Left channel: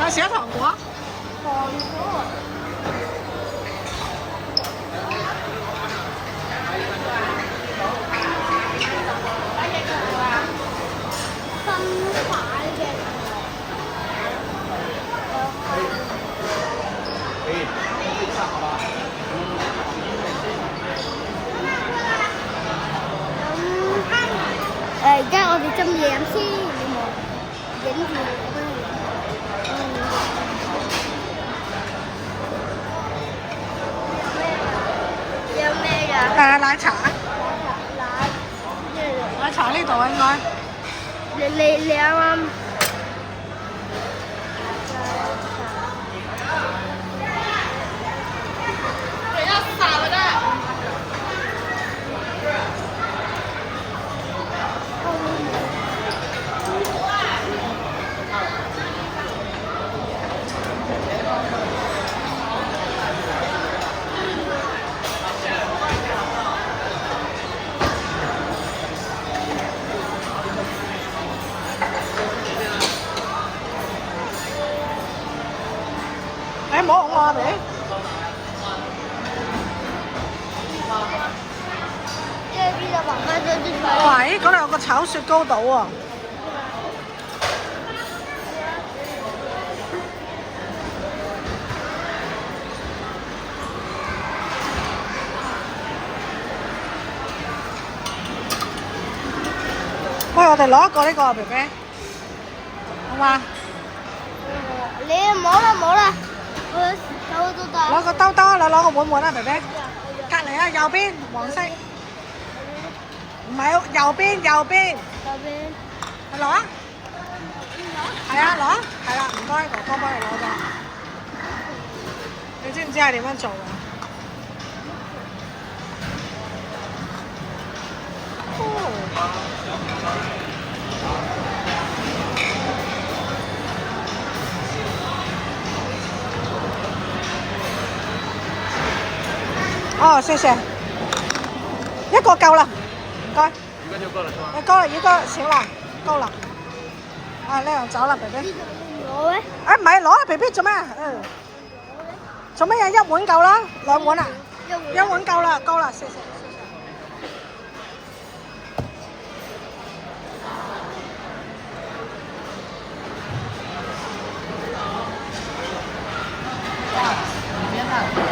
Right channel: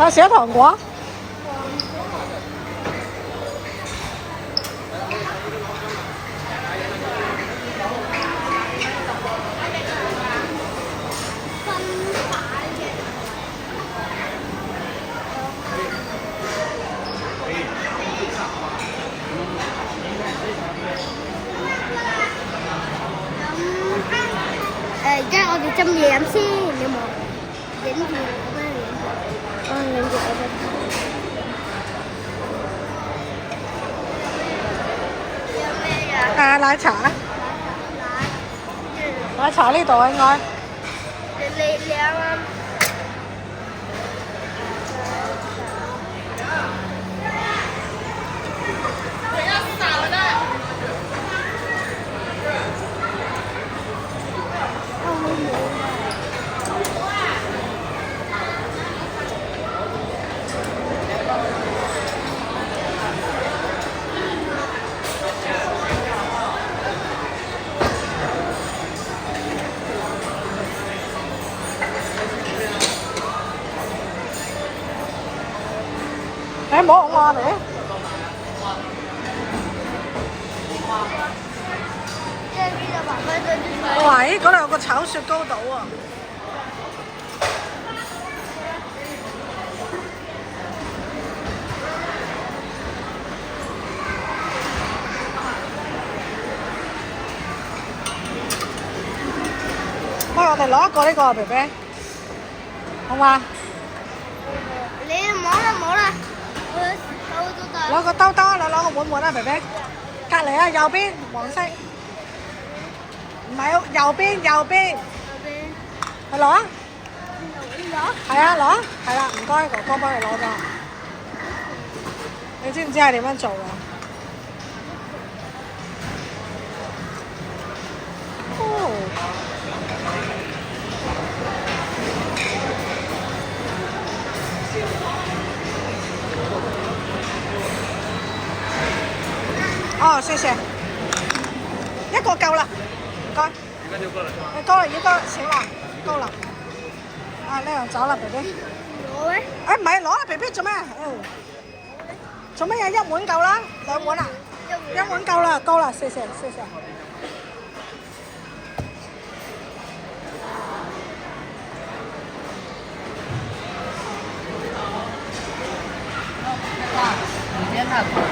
有寫糖果。而家我哋斟嘢飲先，有冇影住我俾你影住？影住我。有咩呀？奶茶。奶茶呢度應該。你啱啱。你摸我啊，你。喂，嗰度有個炒雪糕島喎。喂，我哋攞一個呢個啊，肥肥，好嘛？你摸啦摸啦，攞個兜兜，你攞個碗碗啦，肥肥。隔離啊，右邊黃色。唔係，右邊。去攞啊！係啊，攞啊！係啦，唔該，哥哥幫你攞咗。你知唔知係點樣做㗎？哦，謝謝。一個夠啦，唔該。夠啦，一個少啦，夠啦。啊，呢樣走啦，肥肥。攞咩？啊，唔係攞啦，肥肥做咩啊？做乜嘢？一碗夠啦，兩碗啊？一碗夠啦，夠啦，謝謝。哇，時間太